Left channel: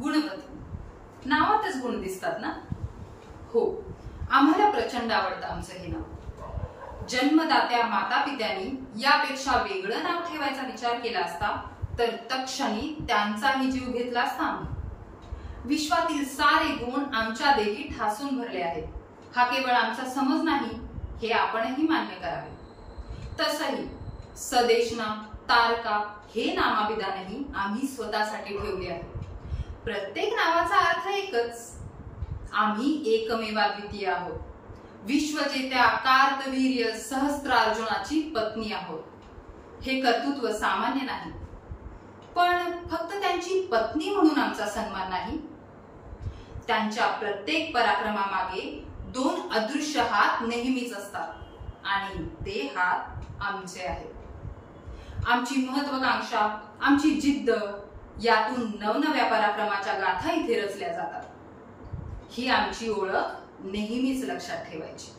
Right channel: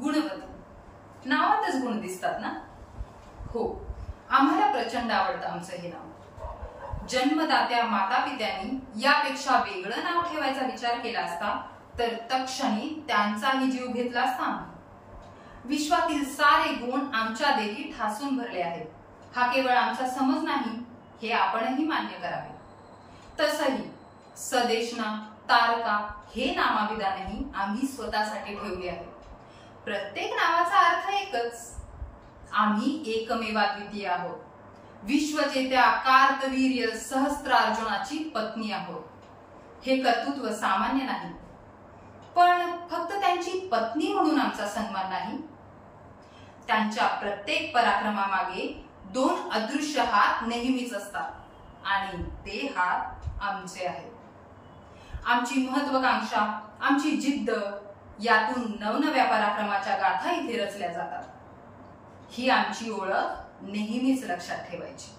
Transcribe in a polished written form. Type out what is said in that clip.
गुणवती नावातच गुण दिसतात ना? हो, आम्हाला प्रचंड आवडतं आमचं हे नाव। जन्मदात्या माता पित्यांनी यापेक्षा वेगळं नाव ठेवायचा विचार केला असता तर तत्क्षणी त्यांचाही जीव घेतला असता आम्ही। विश्वातील सारे गुण आमच्या देवी ठासून भरले आहेत, हा केवळ आमचा समज नाही हे आपणही मान्य करावे। तसही सदेशना तारका हे नामाभिधानही आम्ही स्वतःसाठी ठेवले आहे। प्रत्येक नावाचा अर्थ एकच, आम्ही एकमेवाद्वितीय आहोत। विश्वजेत्या कार्तवीर्य सहस्त्रार्जुनाची पत्नी आहोत। हे कर्तृत्व सामान्य नाही, पण फक्त त्यांची पत्नी म्हणून आमचा सन्मान नाही, त्यांच्या प्रत्येक पराक्रमामागे दोन अदृश्य हात नेहमीच असतात आणि ते हात आमचे आहेत। आमची महत्वाकांक्षा, आमची जिद्द यातून नवनव्या पराक्रमाच्या गाथा इथे रचल्या जातात। ही आमची ओळख नेहमीच लक्षात ठेवायची।